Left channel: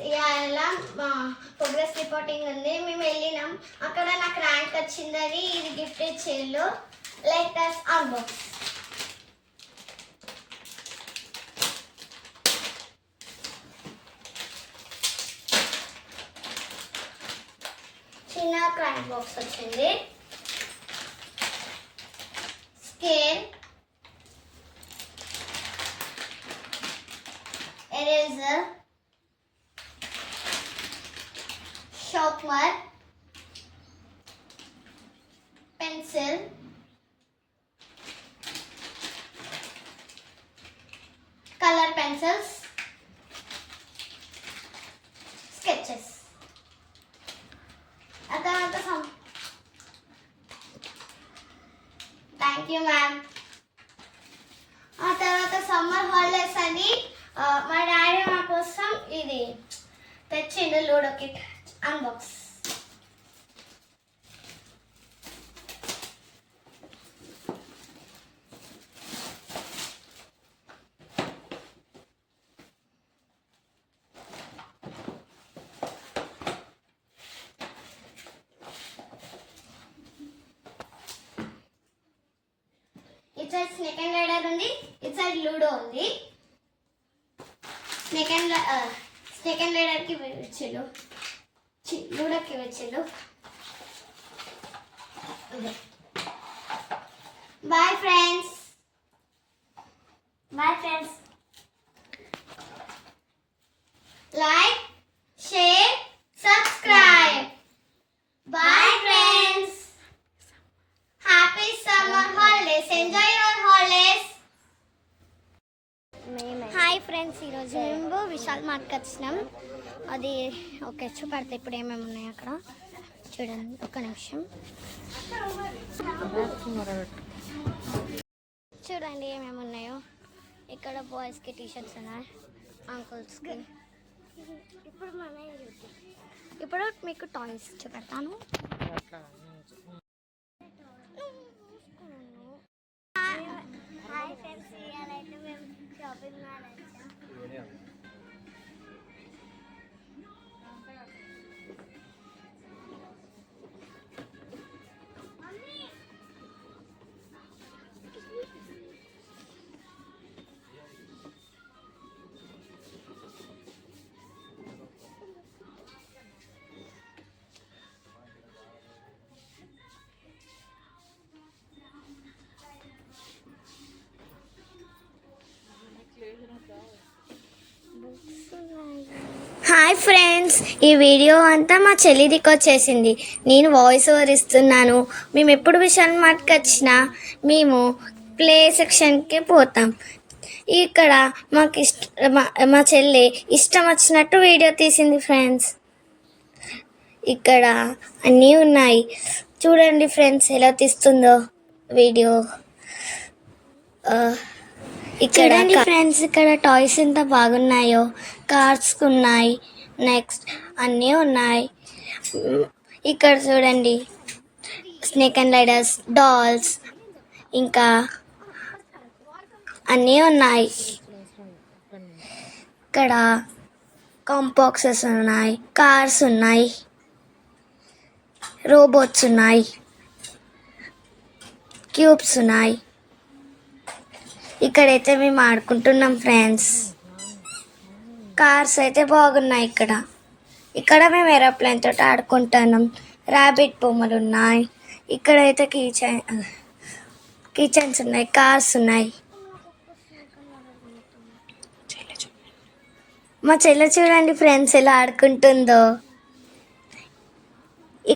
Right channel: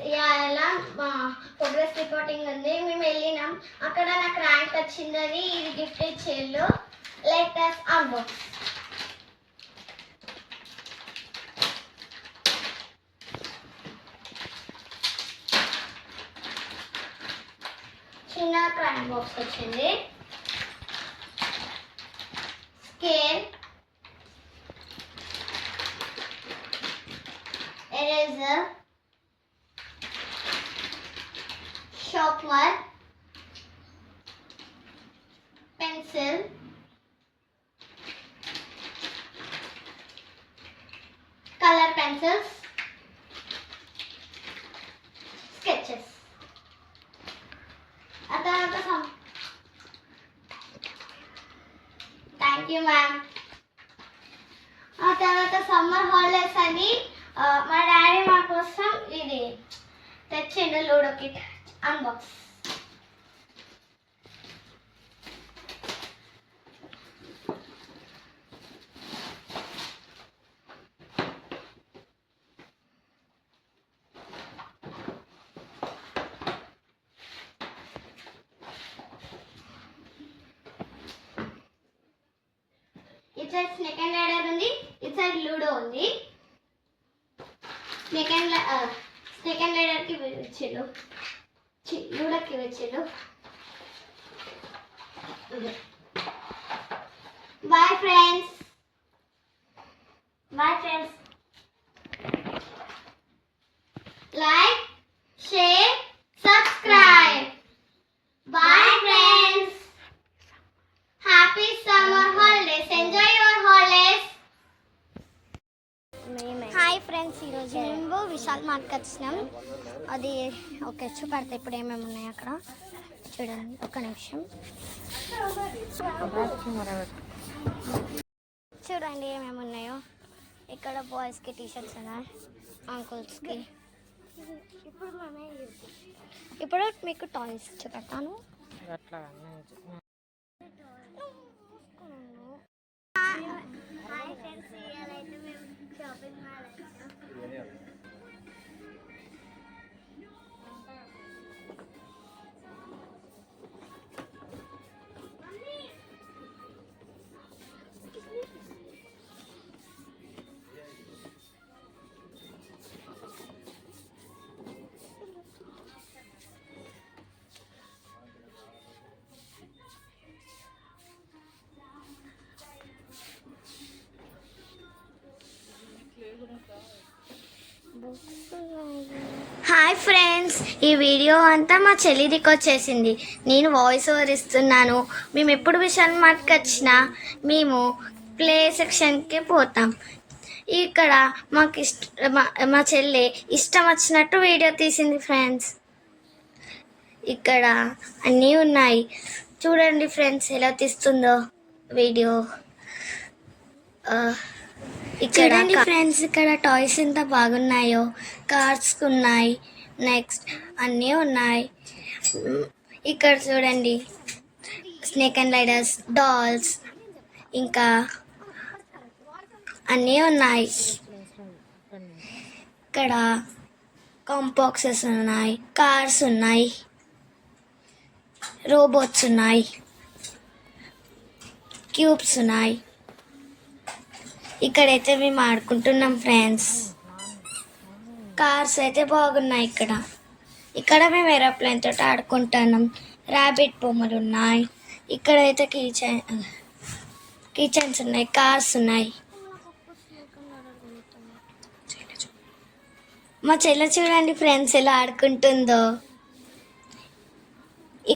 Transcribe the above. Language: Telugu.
ఇలా ప్రోగ్రెస్ రిపోర్టింగ్ ఉంది. మేము వెళ్ళినాం, అక్కడ నాకు ర్యాంక్ వచ్చిందని ఇది గిఫ్ట్ ఇచ్చేళ్ళు. Letters unbox. చిన్న క్రాంక్ బాక్స్ వచ్చింది. Scale, eraser, sharpener, pencil, colour pencils, sketches. Thank you ma'am. ఆ తర్వాత సమ్మర్ హాలిడేస్ అని మా డాడీ మా కోసం ఇది తెచ్చిండు, లూడో కిట్. అన్బాక్స్. ఇటు సైడ్ స్నేక్ అండ్ ల్యాడర్ ఉంది, ఇటు సైడ్ లూడో ఉంది. స్నేక్ అండ్ ల్యాడర్కి వచ్చాడు, లూడోకి వచ్చాడు. Bye friends. Like, share, subscribe. Bye friends. Happy summer holidays. Enjoy your holidays. Hi friends, ఈరోజు మేము విశాల్ మార్ట్కి వచ్చినాం. అది ఓకే, చూపెడతా ఇప్పుడు ఏమేమి ఉన్నాయి అక్కడ. చూడండి, ఒక నిమిషం. చూడండి ఏమేమి ఉన్నాయో. ఇక్కడ బాయ్స్కి టీషర్ట్స్ ఉన్నాయి, అంకుల్స్కి. ఇప్పుడు మీకు టాయ్స్ చూపెడతాను. హాయ్ ఫ్రెండ్స్, ఇవాళైతే మేము షాపింగ్ మాల్ వచ్చాం. హాయ్ ఫ్రెండ్స్, ఈ వీడియో అంతా మా చెల్లిదికి వచ్చేసింది. నేను వాయిస్ ఓవర్ ఇస్తున్నాను. మేము ఎప్పుడు విశాల్ మార్ట్కి వచ్చినా మేము ప్లే సెక్షన్కి పోతాం. ఇక్కడ మాకు మా చెల్లి ఇష్టం వచ్చినట్టు వీడియో తీసింది ఫ్రెండ్స్. ఇక్కడ అన్నీ ఉన్నాయి, చూడండి ఫ్రెండ్స్ ఎలా తీస్తుందో వీడియో. ఇక్కడ ఫ్రెండ్స్, ఇక్కడ టాయ్స్ ఎంత బాగున్నాయో. కార్స్ ఉన్నాయి, నెక్స్ట్ అన్నీ ఉన్నాయి. ఇక్కడ చూడండి, స్నేక్ అండ్ ల్యాడర్స్, డాల్స్, ఇంకా అన్నీ ఉన్నాయి. ఇక్కడ కాంబాక్సెస్ ఉన్నాయి, కార్స్ ఉన్నాయి, రోబోట్స్ ఉన్నాయి, క్యూబ్స్ ఉన్నాయి. ఇక్కడైతే మేము ఆడుకుంటున్నాం ఫ్రెండ్స్. కార్స్ అయితే బాగున్నాయి. ఇక్కడ మేము ఏరోప్లేన్ తోటి ఆడుకుంటున్నాం. ర్యాబిట్ బొమ్మలు ఉన్నాయి. ఇక్కడైతే కిచెన్స్ ఉన్నాయి, కార్స్ ఉన్నాయి. మా చెల్లె చూడండి ఫ్రెండ్స్ ఎలా ఆడుకుంటుందో.